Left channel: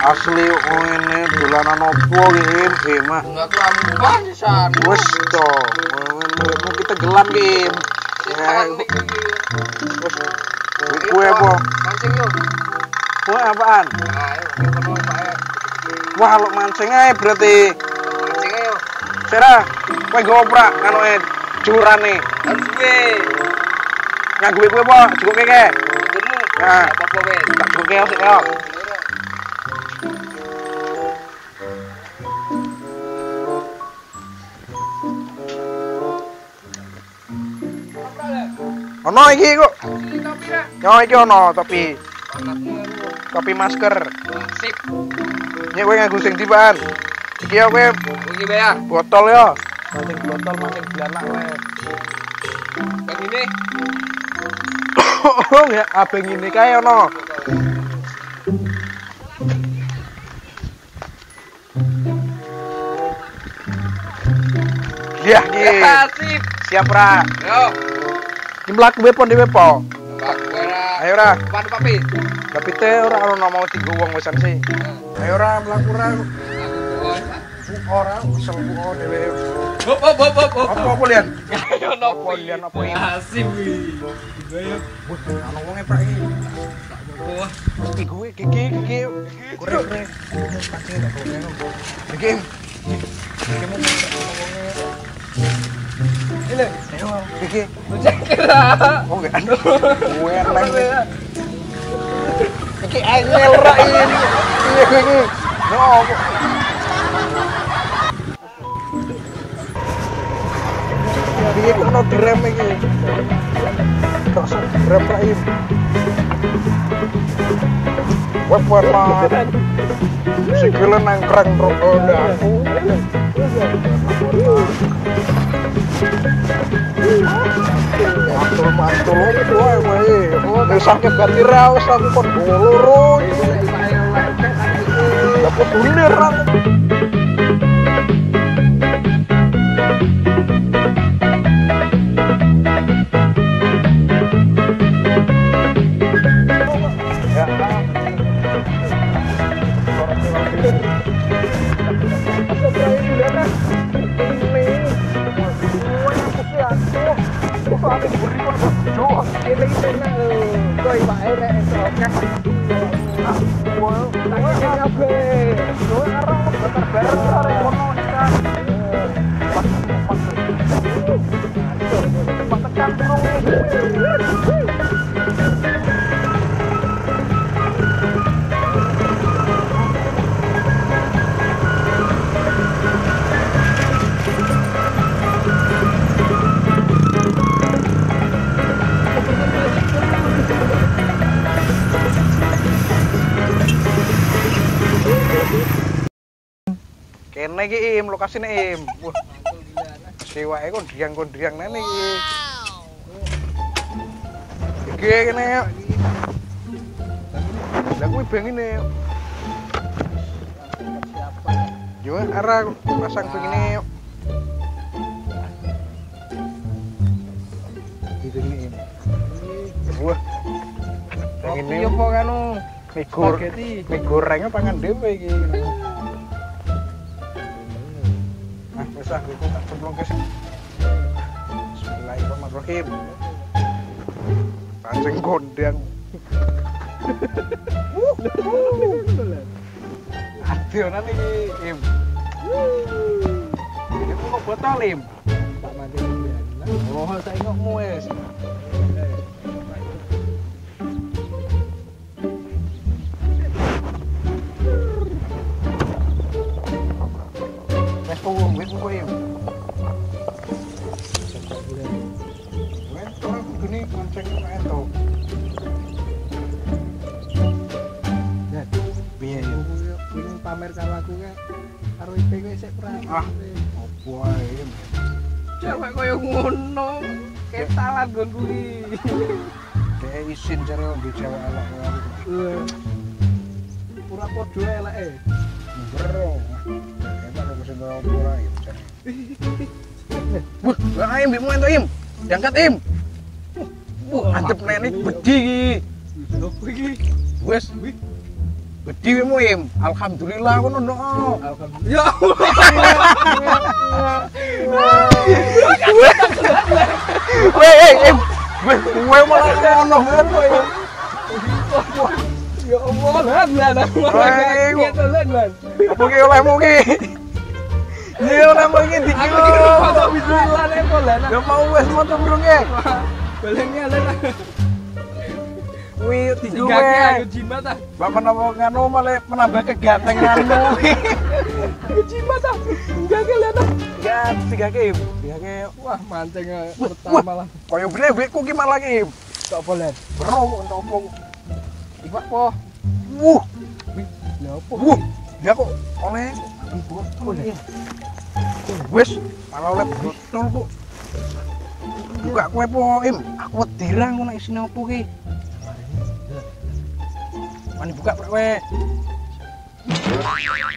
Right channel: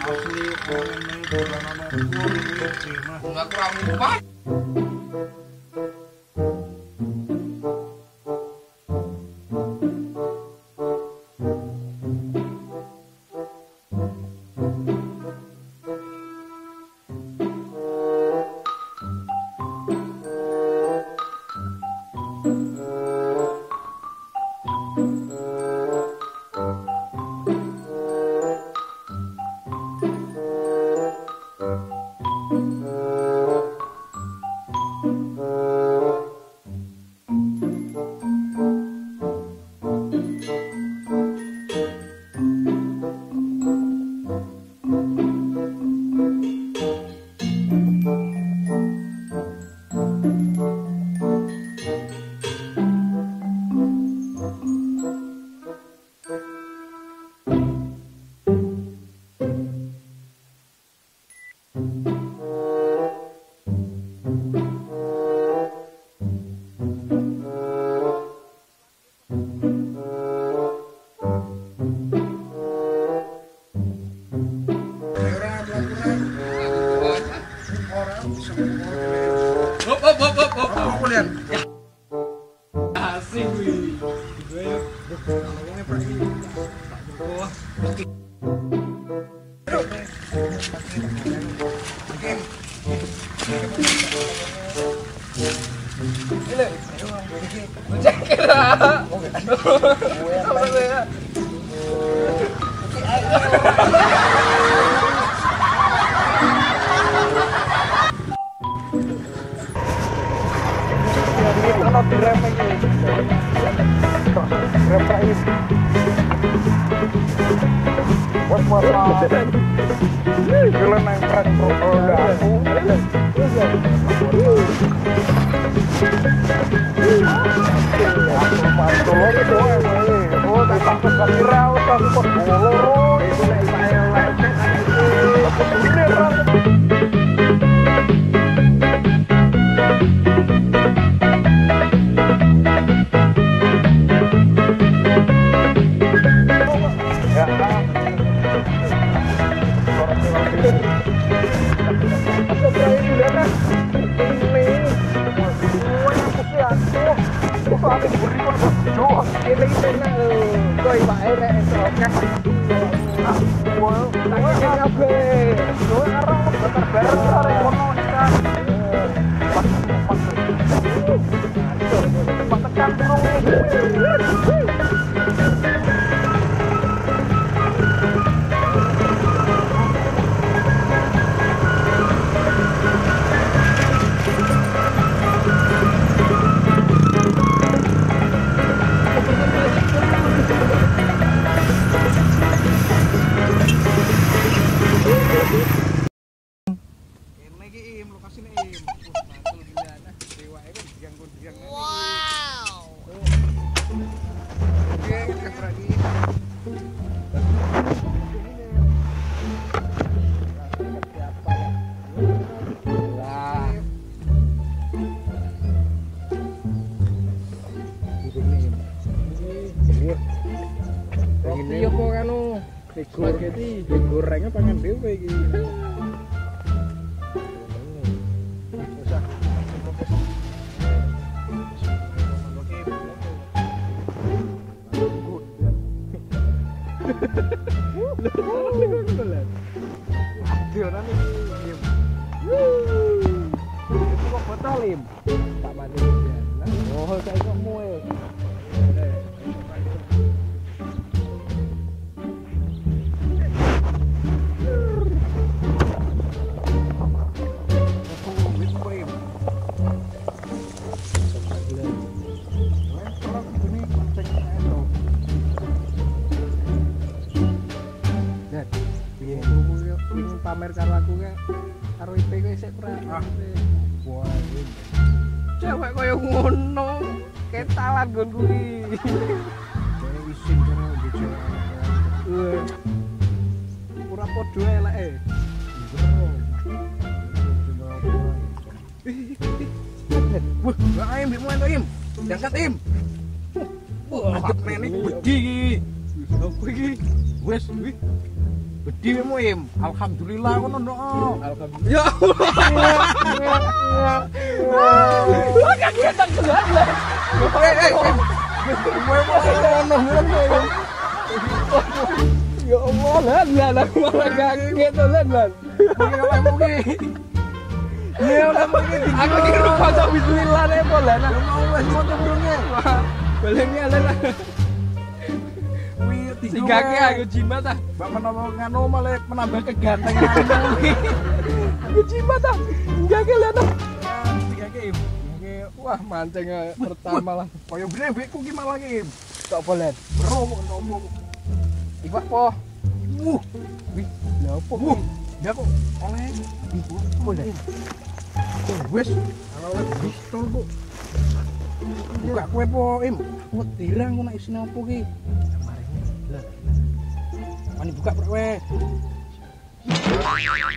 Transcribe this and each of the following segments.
Asli ini dolanan opo iki mah. Enggak kerampan pisan. Wes to. Kita gelam Kim. Ya. Kue apa? Mancing yuk. Kue apaan? Ayo, penuh Pak. Wah, lo mancing aja berarti. Mancing ayo. Sera, kue goprak kanu curane. Oke. Nganggo kue apa? Cukup keke. Nah, Apa wes? tak cukup keke sik yo. Ono iki kok. Yo iki ono topi. Topi masker. Sip. Nyek kowe nganggo sing dibaan. Iki yo kowe Iki be ya. botol yo. Sing botol mancing blanak wae. Bang ini. Oh ya abeng ini kae ono. Iya, Sip. siap ra. Yo. Ki mlaku wepo dhewe po. Ayo ra. Pan papi. Tapi teh ora ono mau tiga wong wisan sih. Ayo ra mlaku ra. Ora bisa kok dhewe. Hop. Apa kulian? Yo nopo Kulian apa ini? Asik wi. Wes ono wonge pak iki. Wah. Iki gue gigi. Kurang nih. Pancing tak kulian. Iki. Ile, iki. Cek kira. Oh enggak ada. Gue yang lain. Iki angel ra iki. Iki. Oh. Dia kena direm iki. Terus rem ra iki. Wes lah. Sikile nang krek roda aku. Mantul itu wae. Oh, sakit gati ra wis aku kok loro. Iku nek saya lecet aku bulir ra. Kene iki Im, lokasine Im. Wah, mantul gila. Sewake kondiang nene iki. Iki kene. Lah kuwi bengine. Siapa ya? Yo arah pasang begini. Begini Im. Wah. Begini opo kanu? Spaghetti. Digoreng pangan dhewe iki. Bismillahirrahmanirrahim. Pancing gondang. Adionan iki, Im. Itu kok botol, Im? Tak matiin ya. Oh, saengokmu wis. Pamer karo aku ke karo IP kowe sik pra. Ah, opo ae. Cewek koyo ngono, ketalan nggon kuwi. Dek isin jare di cewek elek. Ora padha eleke. Bro. Enak kok sing ora iki. Wah, ayo mbekmu ento Im. Diangkat Im. Wah, antep nenek gede iki. Apa iki? Wes, wih. Gede mu Im. Alhamdulillah ngono no. Alhamdulillah. Ya Weh, Im. Weh malah ngono Im. Ya Allah, lan kaget lan. Mugi oleh mugi. Iya oleh mugi di. Aku kira foto bismillah nek lan. Ya mau wes moto burungnya. Balengnya lan. Wih, Sigake aku jimat ah. Bapak napa nganu malah menambah kegantengan. Aku jimat ah. Enggak ke lan. Ya, 3 Im. 3 Wah, mancing pertama lah. Koyo brewekku ki malah ki. Tak boleh. Bro, untuk Iku apa? wuh, Lah apa? wuh. Dia kok oleh Boleh. wes, kalau oleh botol kok. Buka kue po, Im. Aku wedirang kok nek isine opo ki. Mani buka kue.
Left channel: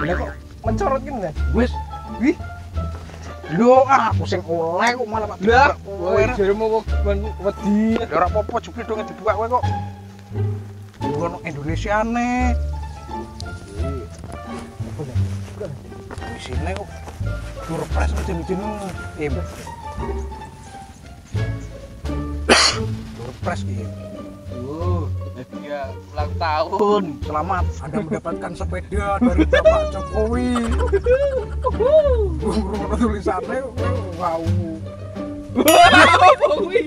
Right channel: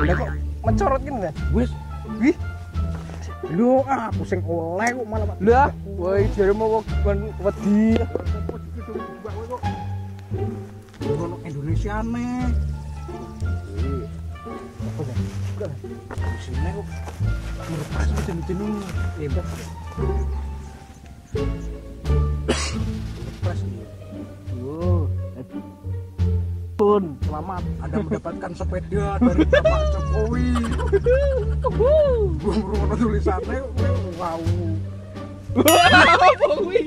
Lah kok mencorot gini kan? Wes. Wih. Lho, aku sing oleh kok malah Pak. Lah, woi jare mau wedi. Ya ora apa-apa jupri dong dibuka kowe kok. Ngono Indonesiane. Apa dah? Di sini kok surprise jenis-jenis. Surprise iki. Oh, hadiah ulang tahun. Selamat Anda mendapatkan sepeda dari Bapak Jokowi. Ngono tulisannya wow. Apa kuwi?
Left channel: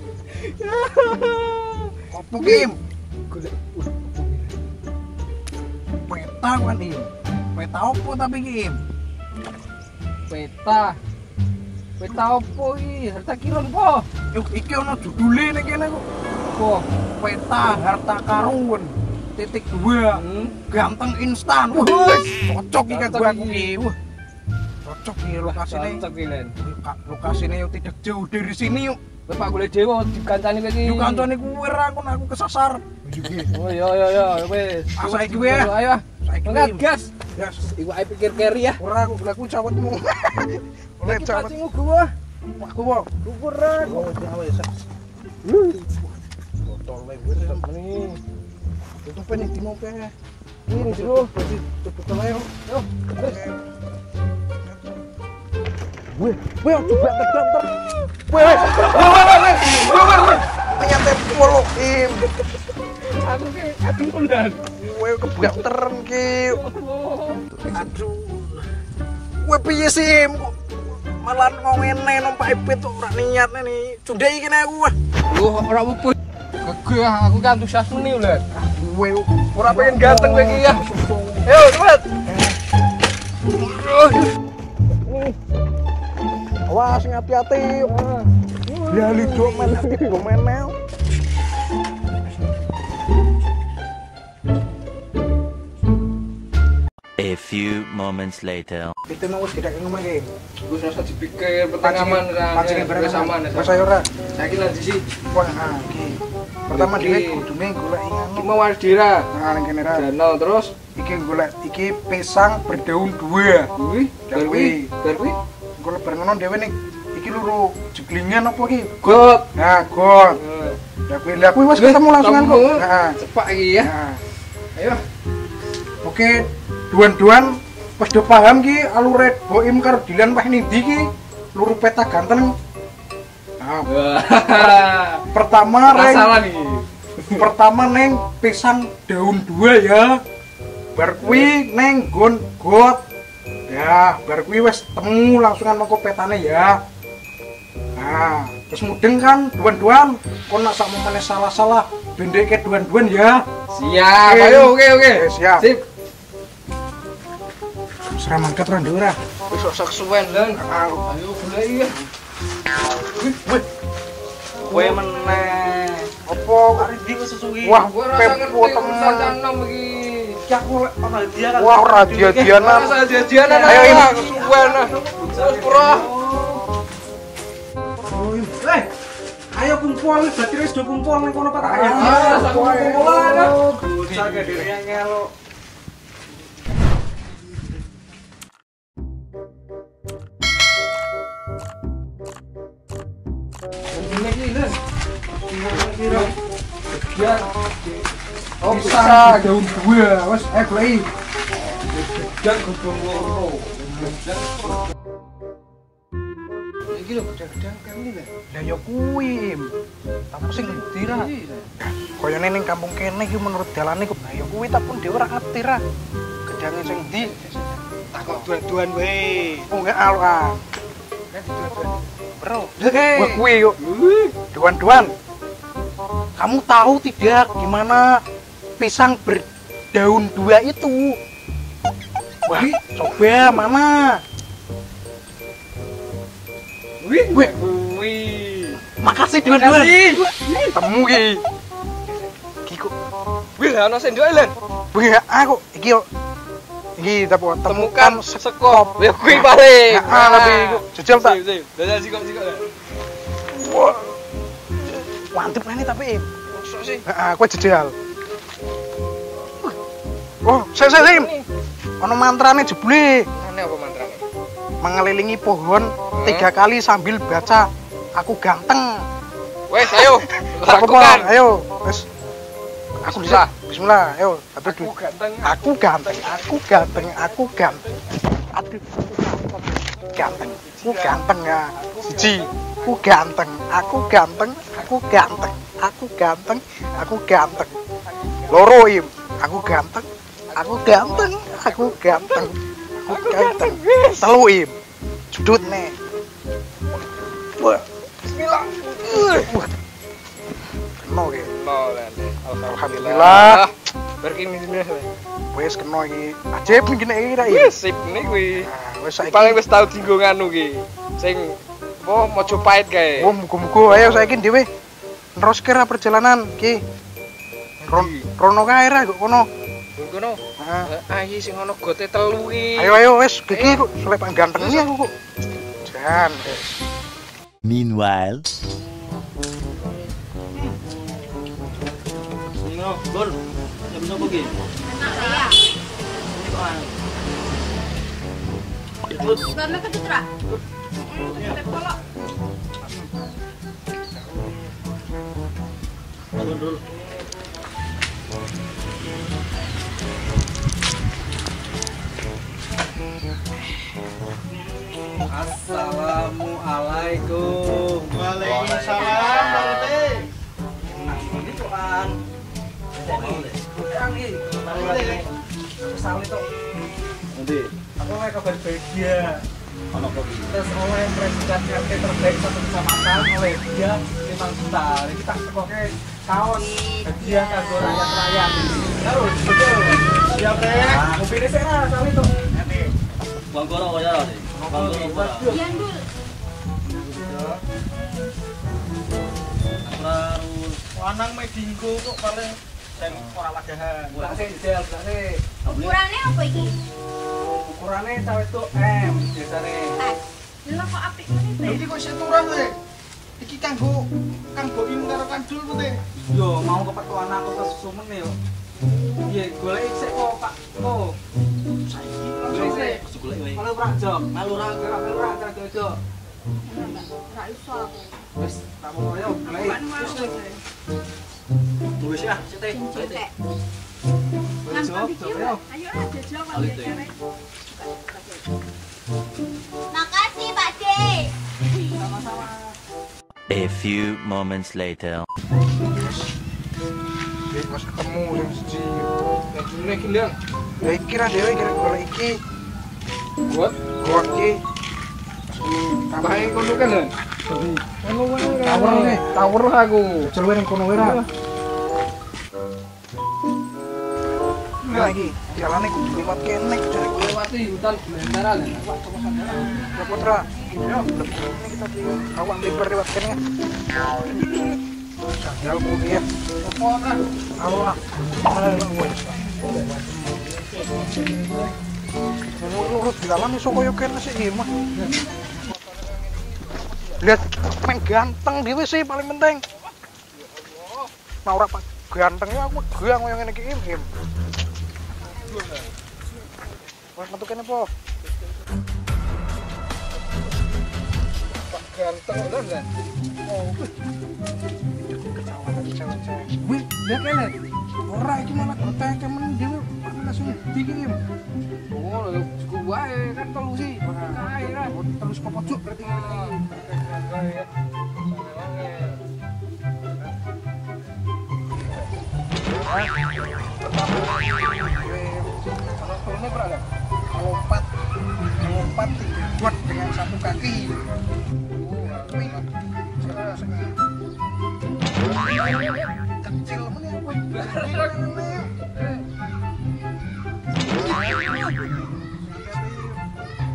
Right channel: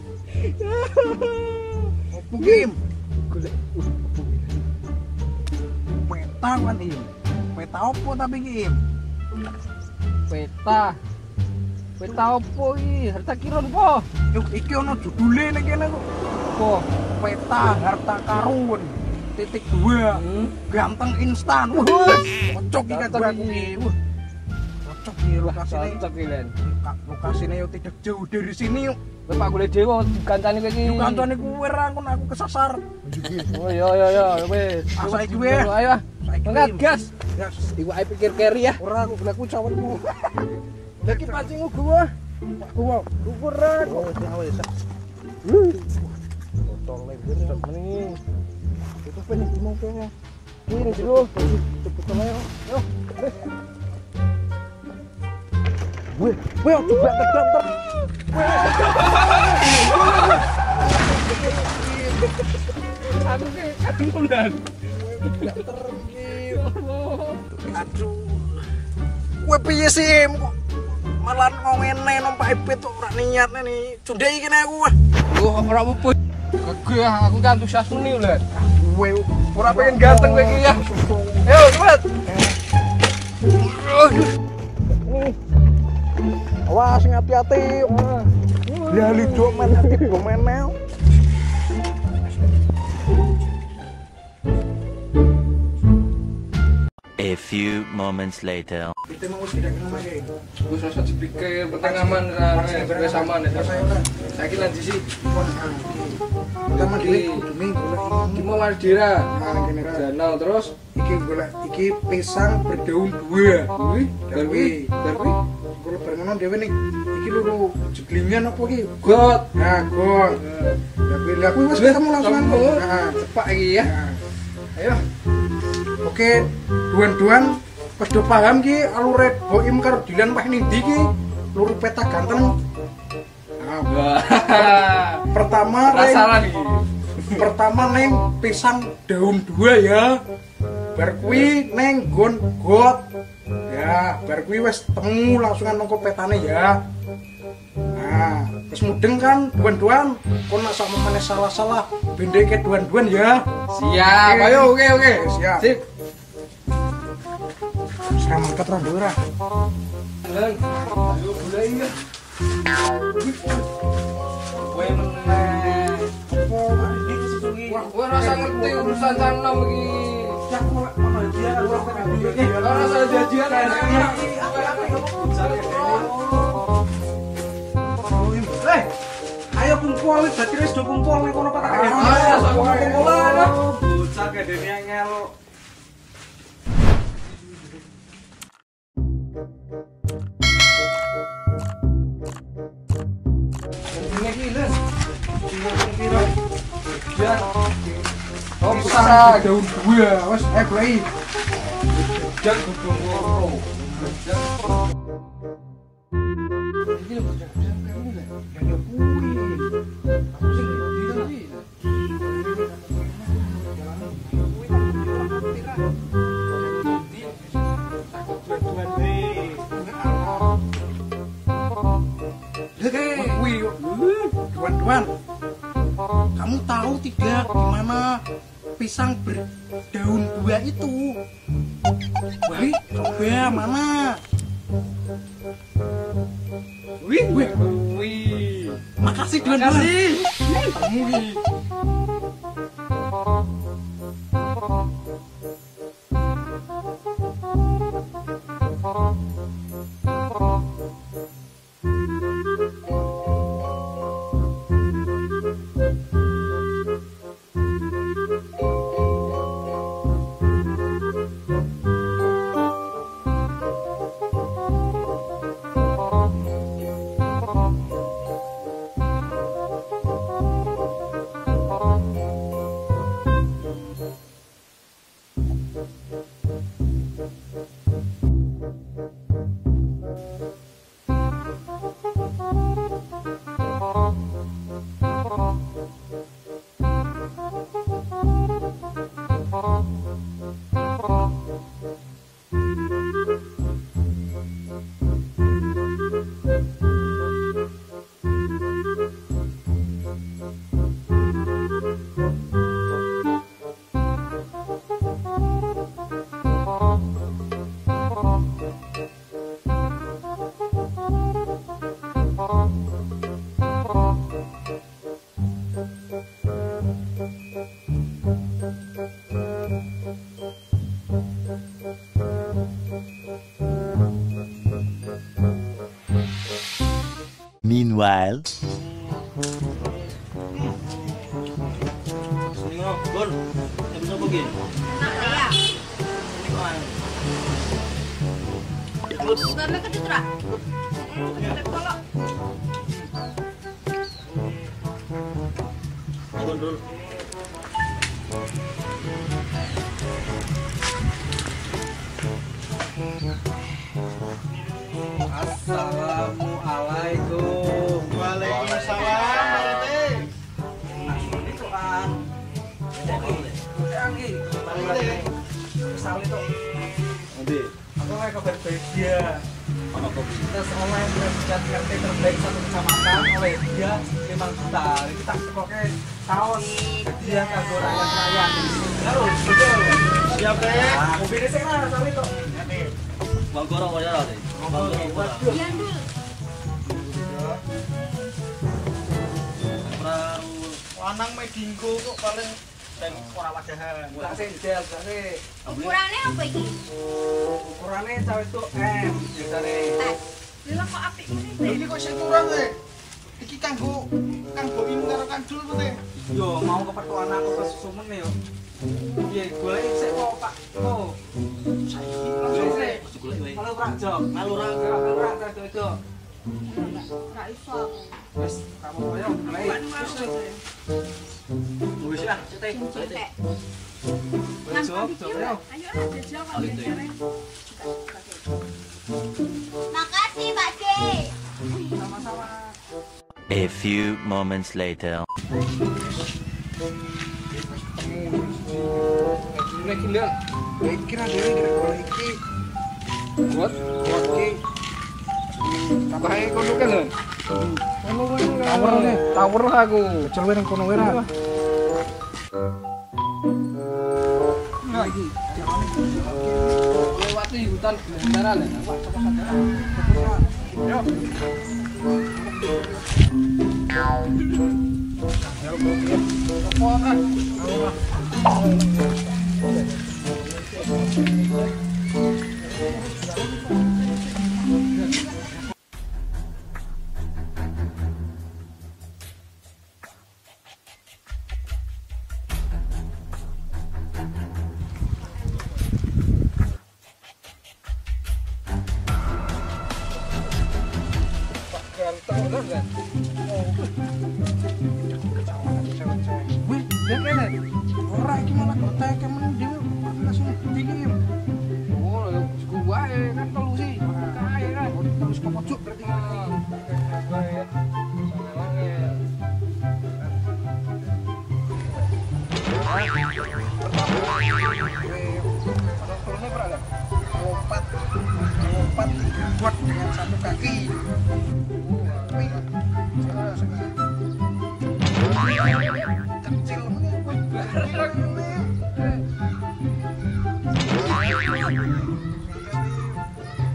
Opo Kim? Golek Peta kan Im. Peta opo tapi Kim? peta. Peta opo iki? Harta kirun po. Yuk iki ono judule ning kene kok. Apa? Peta harta karun. .2 ganteng instan. Wah, cocok iki kan Cocok gua aku iki. iki. Wah. Cocok iki lokasine. Cocok iki Len. Lokasine yo tidak jauh dari sini yuk. Kowe Pak golek dhewe dikancani kowe iki. Yuk kancane kuwe ra aku kesasar. Oh yo wis. Saiki wae. Ayo. Saiki Enggak gas. Gas. Iku ae pikir carry ya. Ora aku cawetmu. Lagi pancingmu gua. Aku mau. Kukur ra. Oh, wis. Botol lebar Mending itu pengen di mau pe. ini jero. Botol ayo. Yo. Weh, coba ter. Weh. Aku ki aduh undan. Weh kebanter ki. Aduh. Kowe piye sih? Malah ngene numpak ipit kok ora niat nih. Cundai kene aku. Loh, ora apa-apa. Gagah, aku kan antusias meni lho. Kowe Ora pengen ganteng kowe iki ya. Ayo, cepet. Awas hati-hati. Lali do men hati do menel. A few moments later. Itu mau wis tidak ngomong iki. Gue rasa dipikir penting aman kan. Wis aman ya. Mas ayo ora. Saiki lan sisi. Wah, iki. Pertama dhewe kudune golek Iki mau Waldira. nang kene ra. Danau terus Iki golek iki pisang berdaun 2. kuwi, Kuwi. kuwi. Golek bareng ngono dhewe ning iki lho jeglingan apa iki? Got. Nah, god. Lah kuwi wis ketemu langsungan kok. Heeh. Cepak iki ya. Ayo. Oke, duan-duan pas do paham ki alure Boim karo Dilan wah ning ndi ki? Luru peta ganteng. Nah, Wah. pertama Masalah nih. pertama neng pisang daun 2 ya. Bar kuwi neng gon got. Ya, bar kuwi wis temu langsungan mengko petane ya. Nah, terus mudeng kan duan-duan kon nak sakmene salah-salah bendeke duan-duan ya. Siap. Oke. Ayo, oke. Siap. Sip. Seram angkat ora ora. Wis sak suwen, Len. Ayo golek iki. Kowe meneh. Apa kari ndi kesusuki? Wah, Gue rasa ngerti urusan tanam iki. Wah, ora dia-dianan. Rasa jajanan. Ayo, ini. Gue nah. Bro. Ayo kumpul, berarti wis do kumpul ning kono Pak. Kumpulan. Bocah gede yang ngelo. Ini iki, Len. Kira-kira Ya. Oh, bisa daun dua. Wes goleki. Dan gudung loro. Iki lho gedang kene lho. Lah ya kuwi. Aku sing ngerti ra. Koyone ning kampung kene iki menurut dalane kok ya kuwi tak pun dhewe ora ngerti ra. Gedange sing ndi? Takok duan-duan wae. Oh enggak ora. Bro, wah kuwi yuk. Duan-duan. Kamu tahu tidak di mana pisang berdaun dua itu? Wah, coba mana? Wih, makasih duan-duan. Temu ki. Ki kok. Wih, ana sendok Len. Wih, aku iki yo. Iki temukan sekop. Ya kuwi paling. tapi jujur tak. Dadah sikok-sikok. Wah. Mantep ini tapi. Sik. Aku jejal. Oh, sik. Ono mantrane jebule. Ana apa mantrane? Mengelilingi pohon 3 kali sambil baca aku ganteng. Wes, ayo. Lakukan. Lakukan. Ayo, wes. Aku Bismillah. Bismillah, ayo. Satu Aku ganteng. Aku ganteng. Aduh, ganteng. Aku ganteng ya. Siji. Aku ganteng. Loro im. Aku ganteng. Telu im. Judut nih. Wah. Bismillah. Kena iki. Mau Len. Alhamdulillah. Berkini sini. Wes kena iki. Ajib iki nek iki ra iki. Wis sip nih kuwi. Wes saiki. Paling wis tau dienggo nganu ki. Sing mojo pahit kae. Oh, muga-muga ayo saiki dhewe neruske ra perjalanan iki. Rono kae ra kok kono. Ngono. Ah. Ayi sing ono gote telu ki. Ayo wes iki kok sampe ganteng iki aku kok. Jan. Meanwhile, Ngono, Bun. Jam berapa ki? Karena kecutra. Kalau Bun dulu. Assalamualaikum. Waalaikumsalam, Pak Rete. Ini tuan. Nanti. Aku mau kabar bahagia. Ono kopi. Terus oleh predikat RT terbaik satu kecamatan oleh dia 5 juta. Ini kita sekoke tahun hadiah kanggo rakyat-rakyat. Terus, betul. Siap, Teh. Mobilnya sih lah, soal itu. Nanti. Bang Goro wajar deh. Bang Goro wajar. Ian dulu. Praru. Lanang medingko kok paling dan ora wadahan. Belakang jel, belakang. Ukurannya apa iki? Ukurannya cawe itu M biasane. Lha kok apik meneh, Teh? Iki kok seturan Teh. Iki kanggo Kang Boim karo Kang Dul Teh. Yo mau kepetuan aku ke Sumen yo. Piye golek sik kok Pak. Oh. Saiki Golek sik. Golek wae. Kalau ora jok, Melu ra. ora jok. Ora iso aku. Wis, tak apa yo golek. Wis ya, Teh. Cetek. Wis jok, jok yo. Ayo lah jajal kok Ayo, Teh. biasane. Makasih, Pak D. Sama-sama. a few moments later. Wis ketemu yang siji. Dajune ki Len. Ya iki ra dhewe iki golek iki. Buat Kuat iki. tambahe kono kan Len. Kono wae. Tower nih. Tower aku. Jel wae nang kono wae ra. Lagi, jalane lewat kene. Lewati hutan Belantara Len. Pak coba sadar. Putra. Yo. Aku ambil lewat kene. Ya mobil. Opo kan? Allah. Lihat, main ganteng dhewe sih paling penting. Nah ora pak gantengnya aku gang yang ngene iki im. Wes metu kene po. Ganteng bener kan? Oh. Kecelakaan cewek-cewek. Wih, dia kene. Ora iki malah koteke men dhewe langsung diki. Oh, lho cukup wae kan telu sih. Kae kan. Terus kok pojok berarti kan. Kae ya. Sangat angel. Kalau turunnya berapa? Lompat 3 buat dengan 1 kaki. Wih, kecil mana ya?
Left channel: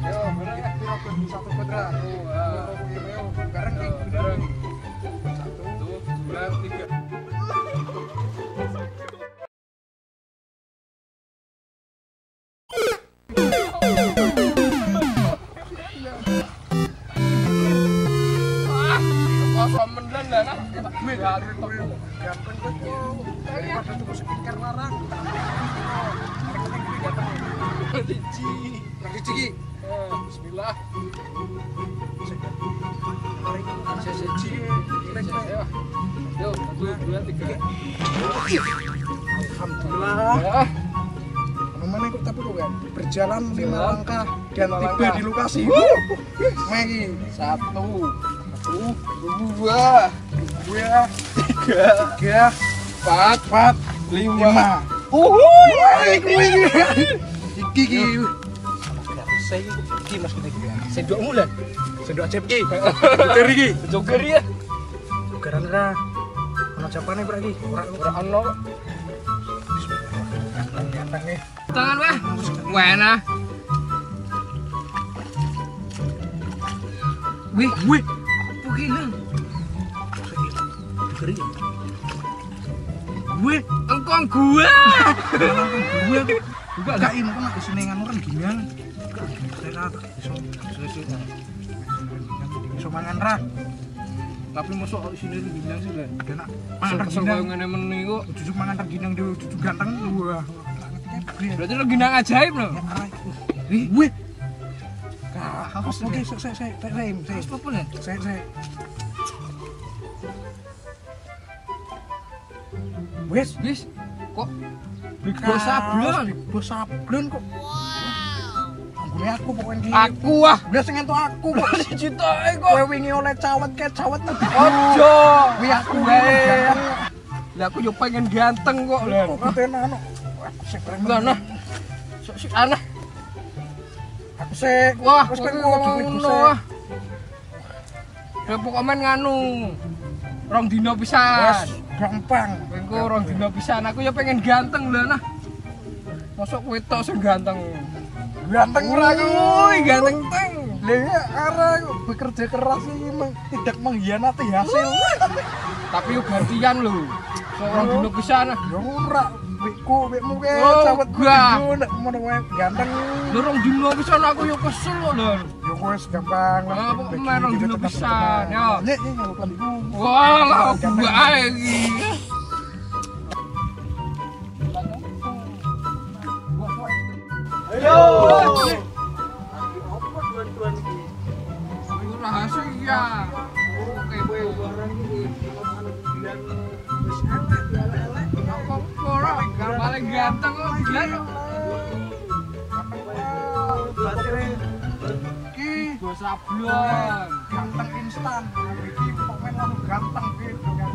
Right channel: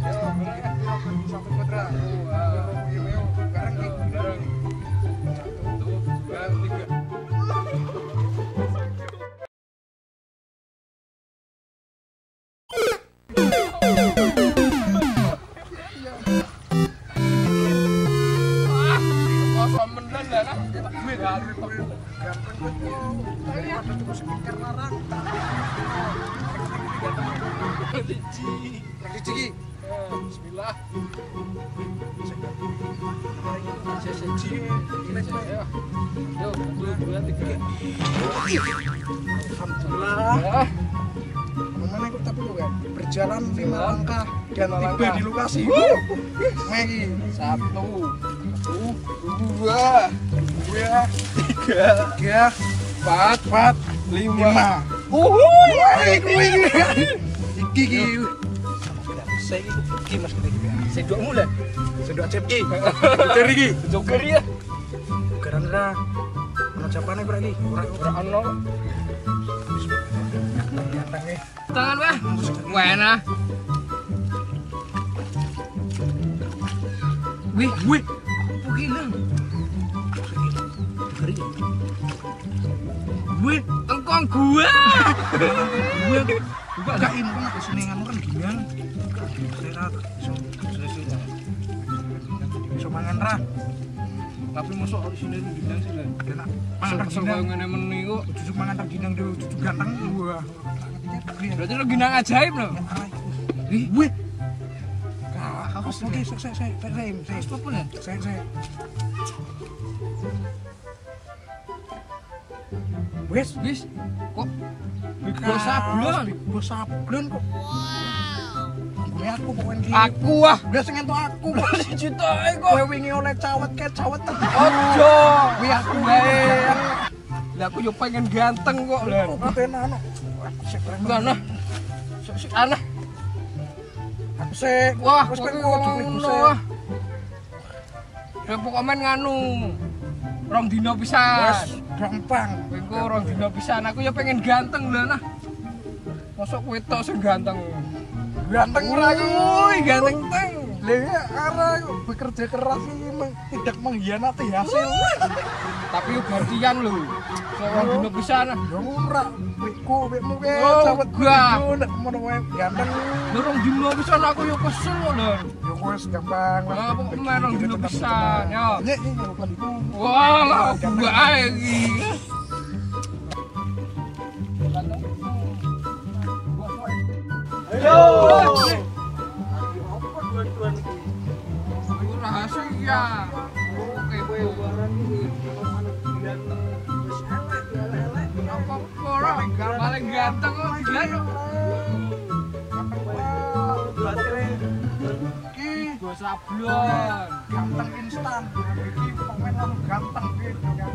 Yo, bener ya. 1 kuadrat. Garang nih. Garang. 1, 2, 3. Kosong mendan lah nah. Gue dari toko ganteng kok. Daripada tuku skincare larang. Biji. Lagi ciki. Bismillah. Seji. Yo. Yo, 1, 2, 3. Alhamdulillah. Ya. Mana kok tapi kok kan berjalan 5 langkah dan 5 tiba langkah. di lokasi. Megi 1, 2, 2, 3, 4, 5. Iki. Saya iki Mas kita iki. Sendok mulan. Sendok acep iki. Joker iki. Joker ya. Jokeran ra. Ono japane brak iki. Ora ono. Ganteng. Tangan weh. Wena. Wih. Apa ki nang? Joker iki. Wih, Engkong gua. gue gak ini kan aku senengan orang gimana saya tak bisa mangan ra Tapi masuk di sini rengginang sih kan. dan mangan Kesel rengginang ngene meneh kok. cucuk mangan rengginang dia cucuk ganteng wah Berarti rengginang ajaib loh. wih oke saya Apa ya? saya wes Bis kok Big Boss sablon. Big Boss sablon kok anggone aku pokoknya iki Aku ah. udah sing entuk aku kok Siji tok kok. kowe wingi oleh cawet Ojo. wih aku Wae. Lah aku yo pengen ganteng kok lho. kok tenan no sik Enggak nah. Sik aneh. aku sik Wah, wis kowe pengen ngono. Ya pokoknya nganu. Rong dino pisan. gampang Kowe rong dino pisan. Aku ya pengen ganteng lho nah. Mosok kowe tok sing ganteng. ganteng ora aku Woi, ganteng teng. Lah arah bekerja keras ini tidak mengkhianati hasil. Tapi yo gantian lho. Rong dino pisan. Ya ora, wekmu ke Oh, cawet gak. nek ngono wae ganteng. Lho rong dino pisan aku yo kesel kok lho. Ya wis gampang. Ah, pokoknya main rong dino pisan, yo. Nyek iki ngelakukan iku. Wah, lah gua ae iki. Ayo. Iku rahasia. Oke, kowe. Apa ora paling ganteng kok dilan kok. Iki Go sablon. ganteng instan. Iki pemain lalu ganteng gitu kan.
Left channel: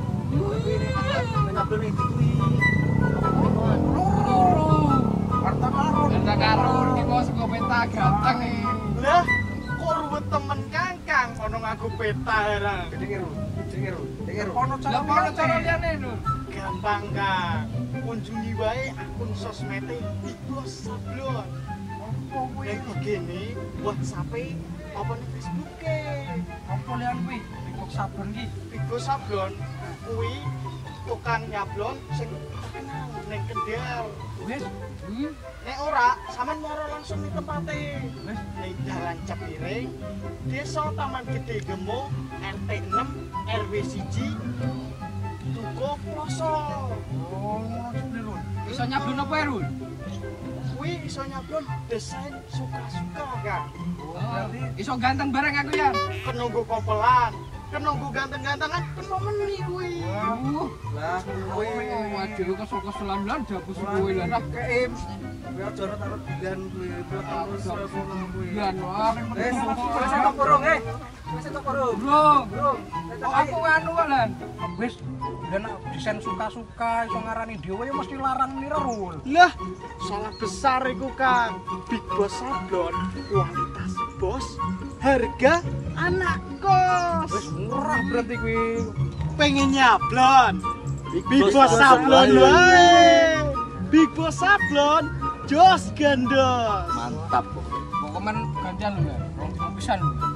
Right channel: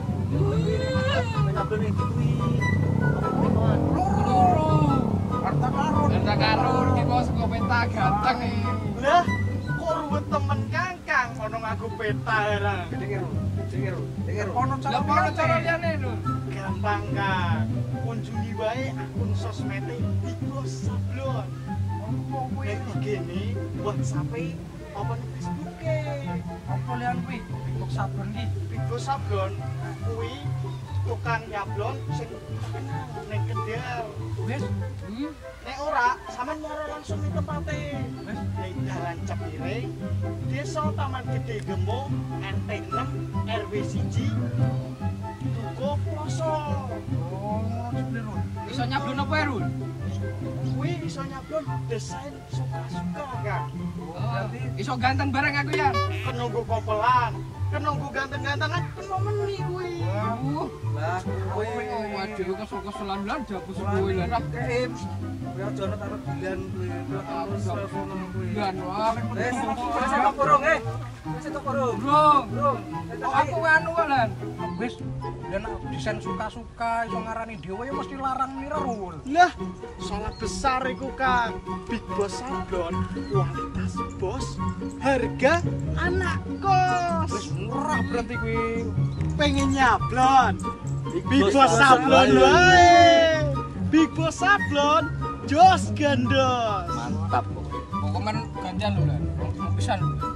Loro. Harta karun. Harta karun iki bos kok peta ganteng iki. Lah, kok ruwet temen Kangkang ono ngaku peta ora. Ono Lah apa cara liyane. liyane lho? Gampang, Kang. Kunjungi wae akun sosmede Big Boss Sablon. Opo kuwi? Nek IG-ne, WhatsApp-e, apa ning Facebook-e. Opo liyan kuwi? Big sablon iki. Big Boss Sablon kuwi tukang nyablon sing terkenal ning Kendal. Wis, Nek ora, sampean moro langsung ning tempate. wis. Ning Dalan Cepiring, Desa Taman Gede Gemo, RT 6, RW 1, Dukuh Ploso. Oh, ngono sih, Rul. Iso nyablon apa ya, Rul? Kuwi iso nyablon desain suka-suka Kak. Berarti iso ganteng bareng aku ya. Kenunggu kompelan, kenunggu ganteng-gantengan, kena meni kuwi. Lah kowe Waduh, kesel-keselan lan jabus kowe lan. keim. Kowe aja ora taruh dilan kowe. Terus ngono kowe. Lan wah. Wis tok kurung Wis tok kurung. Bro, kok aku anu kok lan. Wis dan desain suka-suka iso ngarani dhewe ya mesti larang mirul. Lah, salah besar iku Kak. Big Boss Sablon, kualitas bos, harga anak kos. Wis murah berarti kuwi. Pengen nyablon. Big Boss Boss Sablon Sablon. wae. Big Boss Sablon, jos gandos. Mantap kok. Pokoknya gantian lho lan. Mau pisan lho.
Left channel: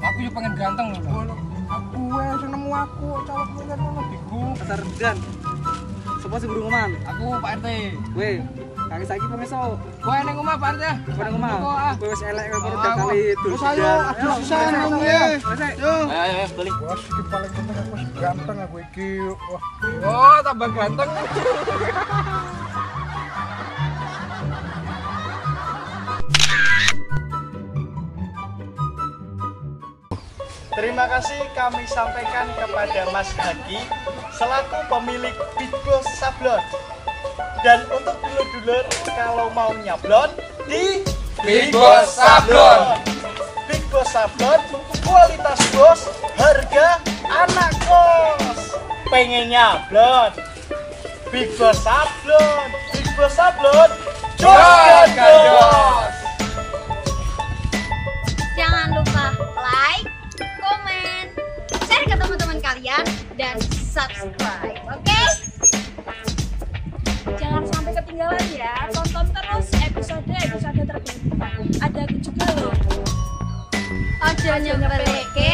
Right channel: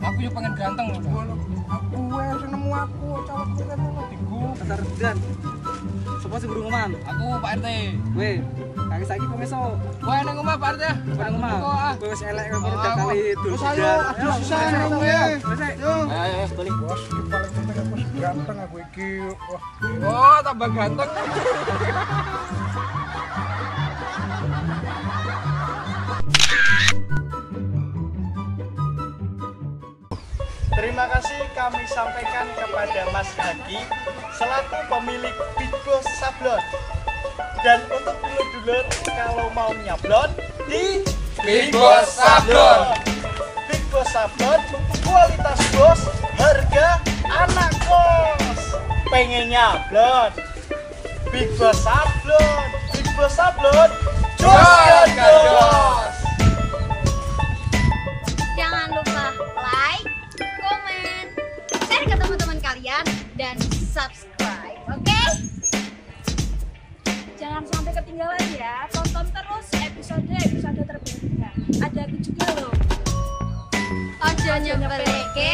Aku yo pengen ganteng lho lan. Aku wis nemu aku cowok kuwi kan ngono diku. Bentar dan sapa sing guru ngoman? Aku Pak RT. Weh, kaki saiki pemeso. Kowe ning omah Pak RT. Kowe nang omah. Kok, ah. Kowe wis elek kowe udah kali dul. Wis ayo aduh sisan kowe. Yo. Ayo, balik. Bos iki paling penting aku wis ganteng aku iki. Wah, Oh, tambah ganteng. Terima kasih kami sampaikan kepada Mas Haki selaku pemilik Big Boss Sablon. Dan untuk dulur-dulur kalau mau nyablon di Big Boss Sablon. Big Boss Sablon, kualitas bos, harga anak kos. Pengen nyablon? Big Boss Sablon, Big Boss Sablon, jos gandos. Jangan lupa like, komen, share ke teman-teman kalian, dan subscribe, oke? Jangan sampai ketinggalan ya, tonton terus episode terbaru. Ada aku juga loh. Ojo nyepeleke,